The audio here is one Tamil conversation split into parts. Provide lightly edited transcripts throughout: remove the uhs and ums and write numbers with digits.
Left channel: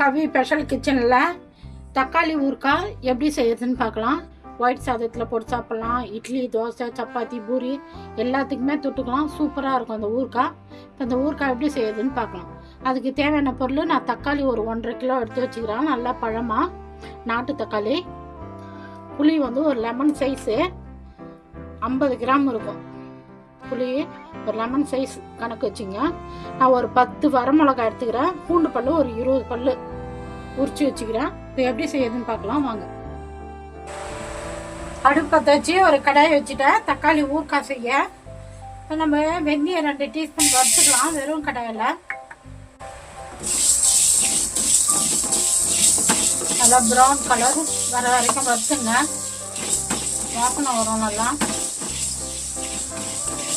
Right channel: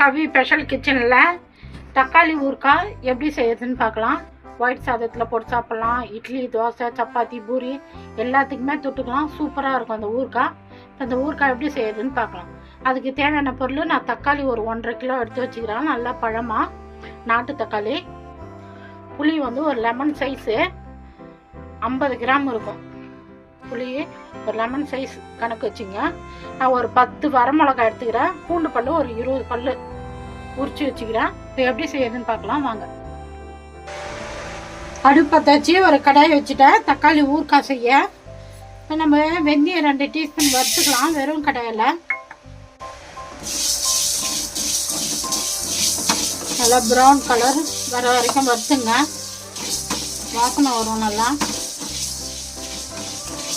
கவி ஸ்பெஷல் கிச்சனில் தக்காளி ஊறுகாய் எப்படி செய்யறதுன்னு பார்க்கலாம். ஒயிட் சாதத்தில் போட்டு சாப்பிட்லாம், இட்லி, தோசை, சப்பாத்தி, பூரி எல்லாத்துக்குமே தொட்டுக்கலாம். சூப்பராக இருக்கும் அந்த ஊறுகாய். இப்போ அந்த ஊறுகாய் எப்படி செய்யறதுன்னு பார்க்கலாம். அதுக்கு தேவையான பொருள், நான் தக்காளி ஒரு 1.5 கிலோ எடுத்து வச்சுக்கிறேன். நல்லா பழமாக நாட்டு தக்காளி. புளி வந்து ஒரு லெமன் சைஸு 50 கிராம் இருக்கும். புளி ஒரு லெமன் சைஸ் கணக்கு வச்சுங்க. நான் ஒரு 10 வரமிளகாய் எடுத்துக்கிறேன். பூண்டு பல் ஒரு 20 பல் உரிச்சு வச்சுக்கிறேன். இப்போ எப்படி செய்யறதுன்னு பார்க்கலாம் வாங்க. அடுப்பு பற்ற வச்சு ஒரு கடாயை வச்சுட்டேன். தக்காளி ஊறுகாய் செய்ய நம்ம வெந்தயம் 2 டீஸ்பூன் வறுத்துக்கலாம் வெறும் கடாயில். நல்லா ப்ரௌன் கலர் வர வரைக்கும் வறுத்துங்க. வாசனை வரும் நல்லா.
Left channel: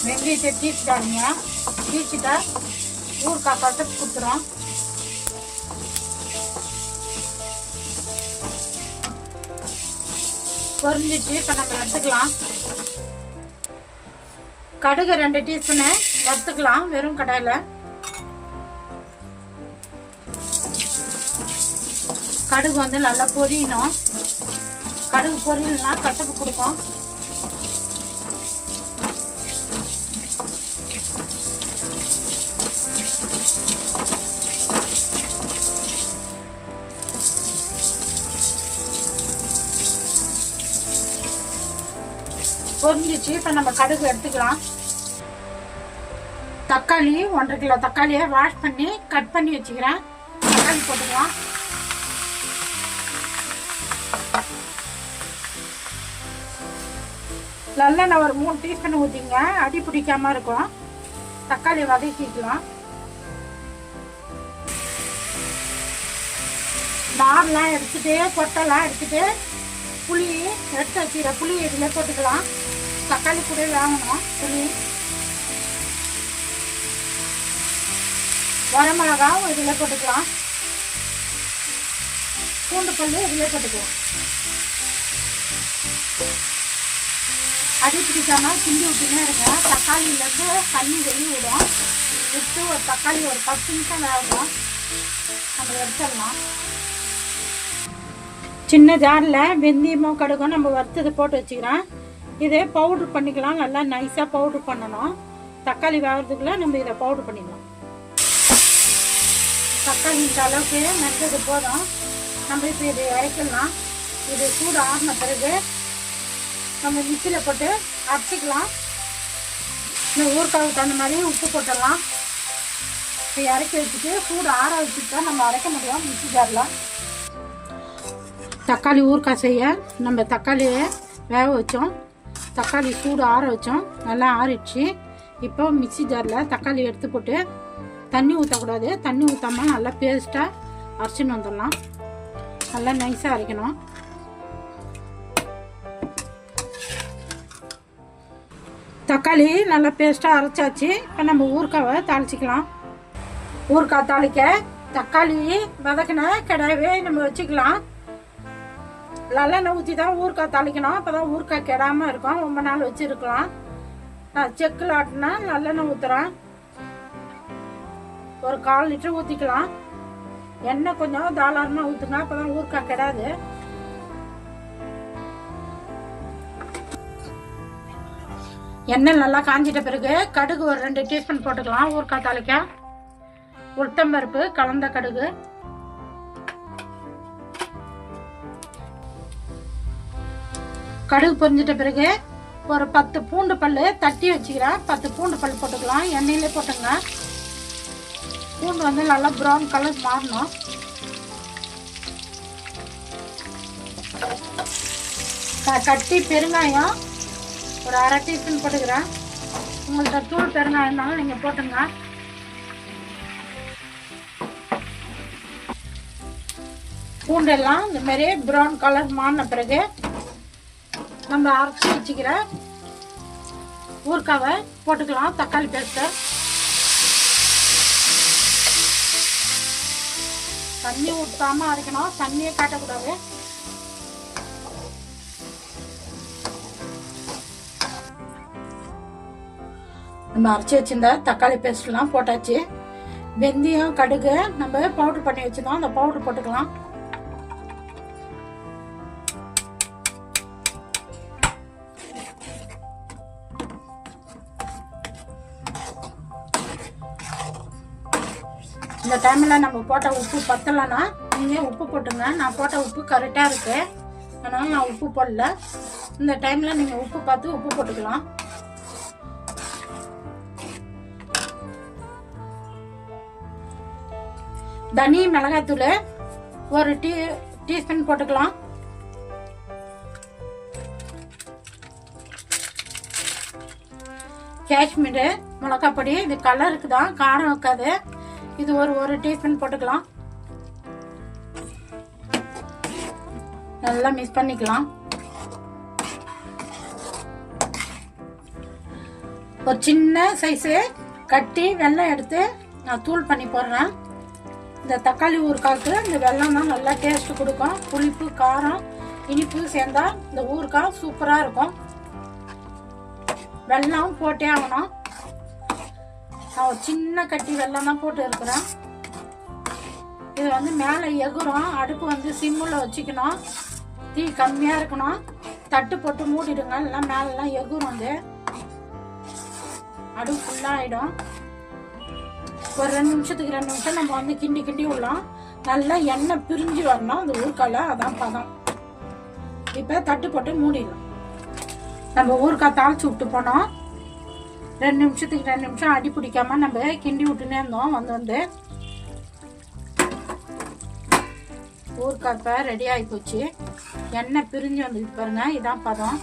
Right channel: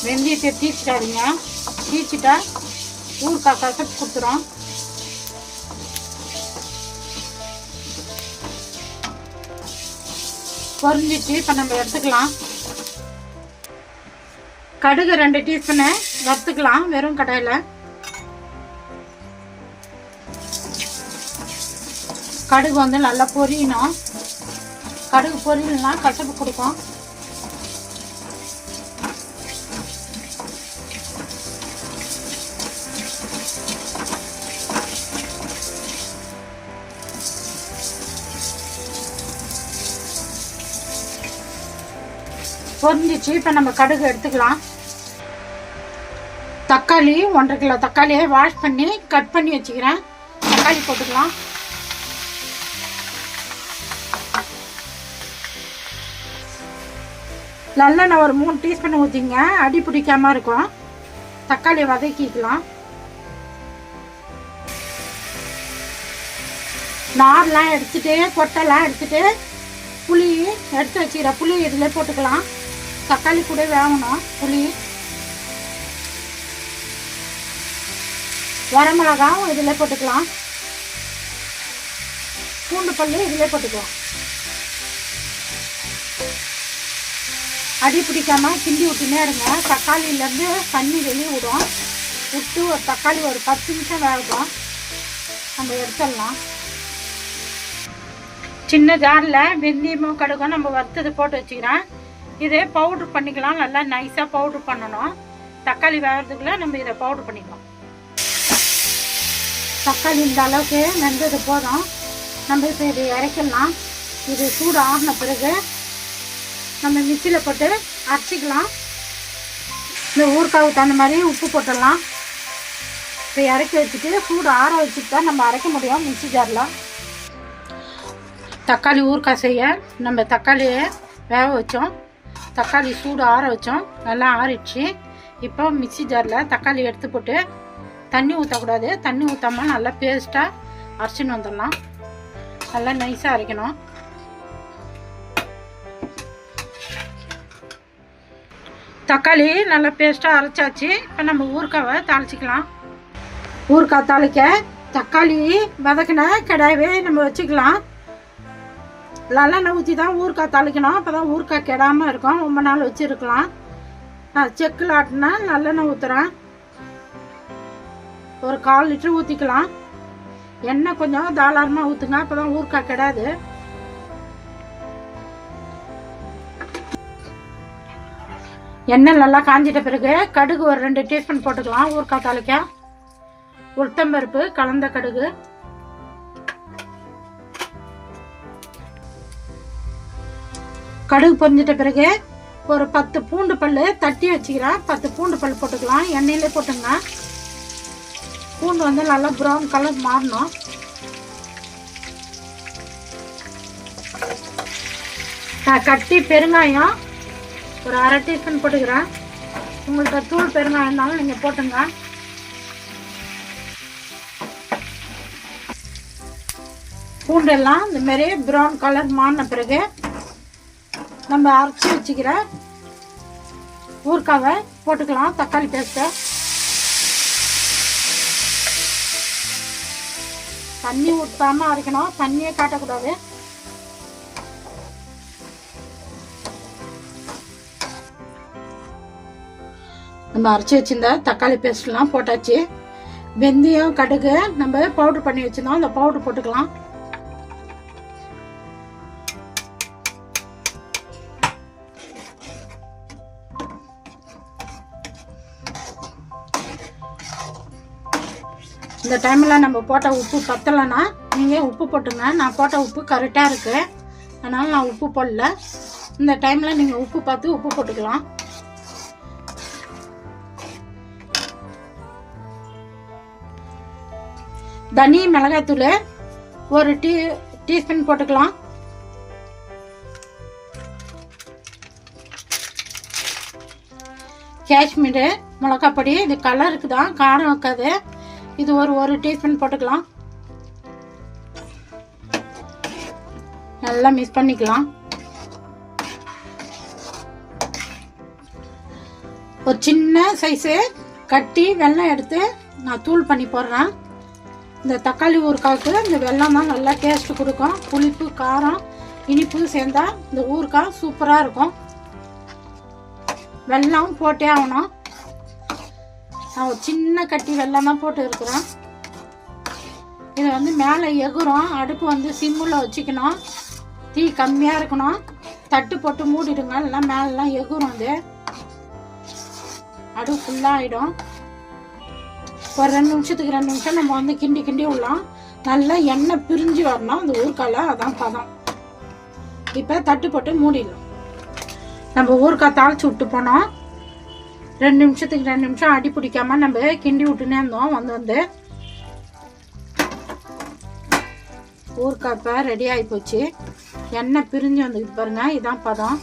வெந்தயத்தை தீச்சிட்டாருங்க. தீச்சிட்டா ஊறுகாய் கசப்பு கொடுத்துரும். பொரிஞ்சிச்சு. இப்போ நம்ம எடுத்துக்கலாம். கடுகு 2 டீஸ்பூனு வறுத்துக்கலாம் வெறும் கடாயில். கடுகு வந்து நல்லா பொரியணும். கடுகு பொரியலனா கசப்பு கொடுக்கும். பொரிஞ்சிச்சு. இப்போ நம்ம கடுகு எடுத்துக்கலாம். தக்காளி 1.5 கிலோ தக்காளியை வாஷ் பண்ணி கட் பண்ணி வச்சுக்கிறேன். தக்காளி போட்டுக்கலாம். நல்லெண்ணெய் ஒரு 3 டீஸ்பூன் ஊற்றிங்க. அடி பிடிக்காம இருக்கும். தக்காளி வதக்கிக்கலாம். நார்லாம் எடுத்துட்டு கொட்டெல்லாம் எடுத்துட்டு புளி எடுத்து வச்சுக்கிற புளி இதில் போட்டுக்கலாம். தக்காளி கூட வேகணும். புளி, வரமிளகாவும் இதில் போட்டுக்கலாம். பூண்டு பல்லு இதில் போட்டுக்கலாம். அடி பிடிக்காம கிண்டி விட்டுனே இருங்க. தக்காளியிலேருந்து தண்ணி வெளியே விடும். விட்டு ஒரு தக்காளி ஒரு 10 நிமிஷம் வேகும். நம்ம எடுத்துடலாம். சின்ன ஜாரில் வெந்தயமும் கடுகும் நம்ம வறுத்தது போட்டு வச்சுக்கிறேன். இதே பவுட்ரு பண்ணிக்கலாம். நல்லா நைஸாக பவுட்ரு பண்ணணும். தக்காளி வேகிறதுக்குள்ள நம்ம இதை பவுட்ரு பண்ணிக்கலாம். தக்காளி இந்த அளவுக்கு வெந்தது போதும். நம்ம இப்போ இதை இறக்கலாம். இது சூடு ஆகின பிறகு நம்ம மிக்சியில் போட்டு அரைச்சிக்கலாம். இந்த ஊறுகாவுக்கு தகுந்த மாதிரி உப்பு போட்டுடலாம். இப்போ இறக்கி வச்சுட்டு சூடு ஆற வச்சுட்டு தான் நம்ம அரைக்க முடியும் மிக்சி ஜாரில். தக்காளி ஊறுகாய் செய்ய நம்ம தக்காளியை வேக வச்சோம். தக்காளி சூடு ஆற வச்சோம். நல்லா ஆறிடுச்சு. இப்போ மிக்சி ஜாரில் தக்காளி எடுத்து போட்டு தண்ணி ஊற்றக்கூடாது. தண்ணி ஊற்றாமல் நல்லா பேஸ்ட்டாக அரைச்சின்னு வந்துடலாம். நல்லா நைஸாக அரைக்கணும். தக்காளி நல்லா பேஸ்ட்டாக அரைச்சாச்சு. இப்போ நம்ம ஊறுகாவை தாளிச்சிக்கலாம். ஊறுகாய் தாளிக்க தக்காளி வதக்கின கடாயவே நம்ம வச்சுக்கலாம். நல்லெண்ணெய் ஊற்றி தான் ஊறுகாய் தாளிக்கணும். அப்போ தான் ஊறுகாய் கெடாமல் இருக்கும். ரொம்ப நாள் வச்சுருக்கலாம். நான் செக்கில் ஆட்டினா நல்லெண்ணெய் ஊற்றுறேன். ஒரு 1/4 லிட்டர் ஊற்றிக்கலாம். எண்ணெய் கொஞ்சம் தாராளமாக ஊற்றுங்க. அப்போ தான் ஊறுகாய் கெடாது. எண்ணெய் நல்லா காஞ்சிட்ட பிறகு கடுகு ஒரு 2 டீஸ்பூன் போட்டுக்கலாம். ஊறுகாய் தாளிக்க உளுத்தம்பருப்பு கலந்த கடுகு, கடுகு பொரிஞ்சிட்ட பிறகு ஒரு 10 பூண்டு பல் தட்டி வச்சுக்கிறேன். 10 பூண்டு பல் போட்டுக்கலாம். எண்ணெயிலே போட்டுங்க. பூண்டு வந்து நல்லா ப்ரௌன் கலர் மாறணும். கட்டி பெருங்காயம் ஒரு 1/2 டீஸ்பூன் போட்டுக்கிறேன். உங்கள்கிட்ட தூள் பெருங்காயம் இருந்தாலும் நீங்கள் போட்டுங்க. பூண்டெல்லாம் இந்த மாதிரி ப்ரௌன் கலர் மாறின பிறகு நம்ம அரைச்சி வச்சுக்கிற ஊறுகாவை போட்டுக்கலாம். தக்காளி பேஸ்ட்டை தண்ணி ஊற்றாமல் அரைக்கணும். தண்ணியே காட்டக்கூடாது. நம்ம அரைச்சி வச்சிருந்த தக்காளி பேஸ்ட்லாம் போட்டாச்சு. வெந்தயம் கடுகு நம்ம பவுடர் பண்ணி வச்சிருந்தோம், அந்த பவுடர் போட்டுக்கலாம். இந்த டைமில் நம்ம போட்ட உப்பு பத்தலைன்னா நீங்கள் உப்பு போட்டுங்க. நான் போட்ட உப்பு கரெக்டாக இருக்குது, அதனால் நான் உப்பு போடல. இந்த டைமில் நீங்கள் உப்பு பார்த்து உப்பு போட்டுக்கலாம். தனி மிளகாத்தூள் ஒரு டீஸ்பூன் போட்டுக்கலாம். காஷ்மீர் மிளகாப்பொடி, இது கலருக்கு தான், காரம் இருக்காது. இது ஒரு டீஸ்பூன் போட்டுக்கலாம். நல்லா மிக்ஸ் பண்ணிக்கலாம். ஒரு சின்ன சைஸு கட்டி வெல்லம் எடுத்து நான் தூள் பண்ணி போடுறேன். இந்த தக்காளி ஊறுகாய்க்கு இந்த வெல்லம் தான் நல்லா டேஸ்ட் கொடுக்கும். புளிப்பு காரம் இனிப்பு சேர்ந்தா இந்த ஊறுகாய் சூப்பராக இருக்கும். வெல்லம் போட்டே ஆகணும். நான் ஒரு சின்ன கட்டி வெல்லம் தான் போட்டு இருக்கிறேன். இது வந்து மேலே எகுரும். அடுப்பு வந்து சிம்மில் வச்சுக்கணும், தீ கம்மியாக இருக்கணும். தட்டு போட்டு மூடிடுங்க, இல்லைன்னா மேலெலாம் எகுரும். அது அடுப்பு ஃபுல்லாக ஆகிடும். ஒரு 2 நிமிஷத்துக்கு 2 நிமிஷம் நம்ம வந்து கிண்டி விடலாம். நல்லா எண்ணெய் பிரிஞ்சு வரணும் அந்த ஊறுகாயில், அதான் பதம். இப்போ தட்டு போட்டு மூடிடலாம். நம்ம ஊறுகாய் தாளிச்சு விட்டு போனோம். 2 நிமிஷத்துக்கு 2 நிமிஷம் அடி பிடிக்காம நம்ம கிண்டி விட்டுனே இருந்தோம். வந்து ஊறுகாய் இப்போ ரெடி ஆகி போச்சு. எண்ணெய் பிரிஞ்சு வந்துக்கிட்டு பாருங்க, இதான் பதம்.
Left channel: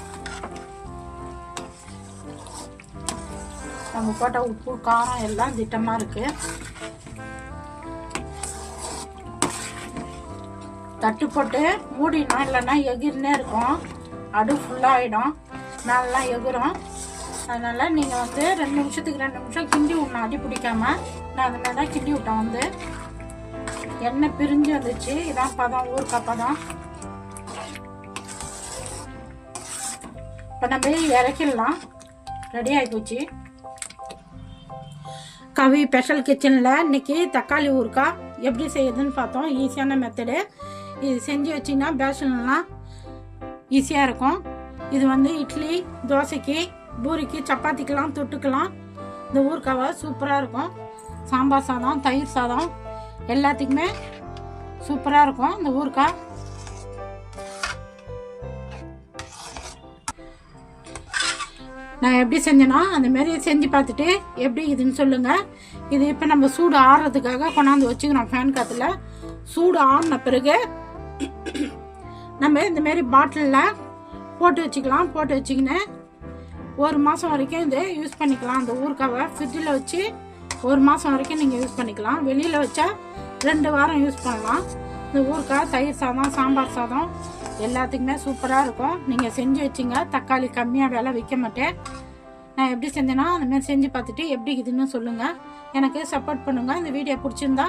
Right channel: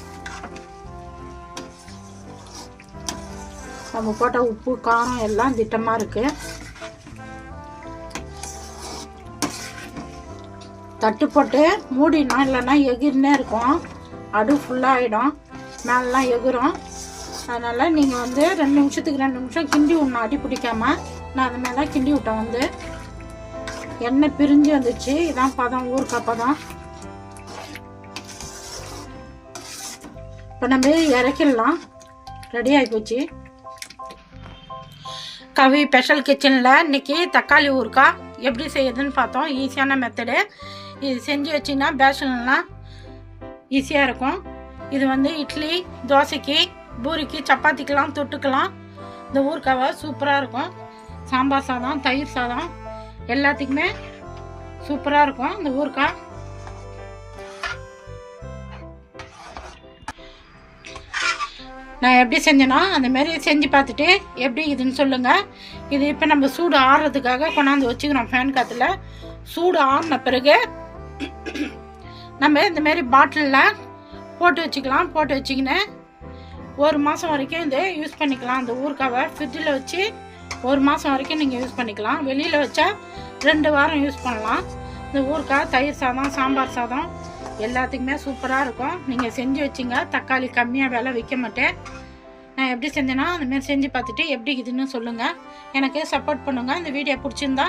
நம்ம போட்ட உப்பு காரம் எல்லாம் திட்டமாக இருக்கு. தட்டு போட்டு மூடிடணும், இல்லைன்னா எகிர்னே இருக்கும். அடு ஃபுல்லாக ஆகிடும், மேலாம் எகிரும். அதனால் நீங்கள் வந்து 2 நிமிஷத்துக்கு 2 நிமிஷம் கிண்டி விடணும் அடி பிடிக்காம. நான் அந்த மாதிரி தான் கிண்டி விட்டேன். வந்து எண்ணெய் பிரிஞ்சு வந்துச்சு, இதான் பதம், ஊறுகாய் பதம். இப்போ நம்ம இறக்கிடலாம். ரெடி ஆகி போச்சு. கவி ஸ்பெஷல் கிச்சனில் இன்றைக்கி தக்காளி ஊறுகாய் எப்படி செய்யுதுன்னு பார்த்தோம். ஈஸியான மெத்தடு. இது செஞ்சு வச்சிங்கன்னா பேஷன்லாம் ஈஸியாக இருக்கும். இது வந்து இட்லி, தோசைக்கு, பூரிக்கு, சப்பாத்திக்கெலாம் தொட்டுக்கலாம். இந்த ஊறுகாவை சூப்பராக இருக்கும். சாம்பார் சாதம், தயிர் சாதம் எல்லாத்துக்குமே சூப்பராக இருக்கும் இந்த ஊறுகாய். நான் எப்படி செஞ்சேனோ அந்தமாரி செஞ்சு பார்த்துட்டு எப்படி இதுன்னு சொல்லுங்கள். இது இப்போ நம்ம சூடு ஆறுறதுக்காக கொண்டாந்து வச்சுக்கிறோம் ஃபேன் காற்றுல. சூடு ஆறின பிறகு நம்ம இந்தமாரி பாட்டிலில் போட்டு வச்சுக்கலாம். போட்டு வச்சிக்கின்னு 1 மாதம் வரைக்கும் இதை யூஸ் பண்ணிக்கலாம். அந்த ஊறுகாவை ஃப்ரிட்ஜில் வச்சு 1 மாதம் வரைக்கும் நீங்கள் யூஸ் பண்ணிக்கலாம். வெளியில் வச்சா 2 வாரம் யூஸ் பண்ணலாம். இந்த ஊறுகாய் தயிர் சாதம், சாம்பார் சாதம் எல்லாத்துக்குமே சூப்பராக இருக்கும். நீங்கள் செஞ்சு வச்சிங்க. தக்காளி கம்மியாக விலை விற்க மாட்டேன். நான் எப்படி செஞ்சேன்னா அந்தமாரி செஞ்சு பார்த்துட்டு எப்படி இதுன்னு சொல்லுங்கள். எனக்கு சப்போர்ட் பண்ணுங்கள். இந்த வீடியோ பிடிச்சிருந்தா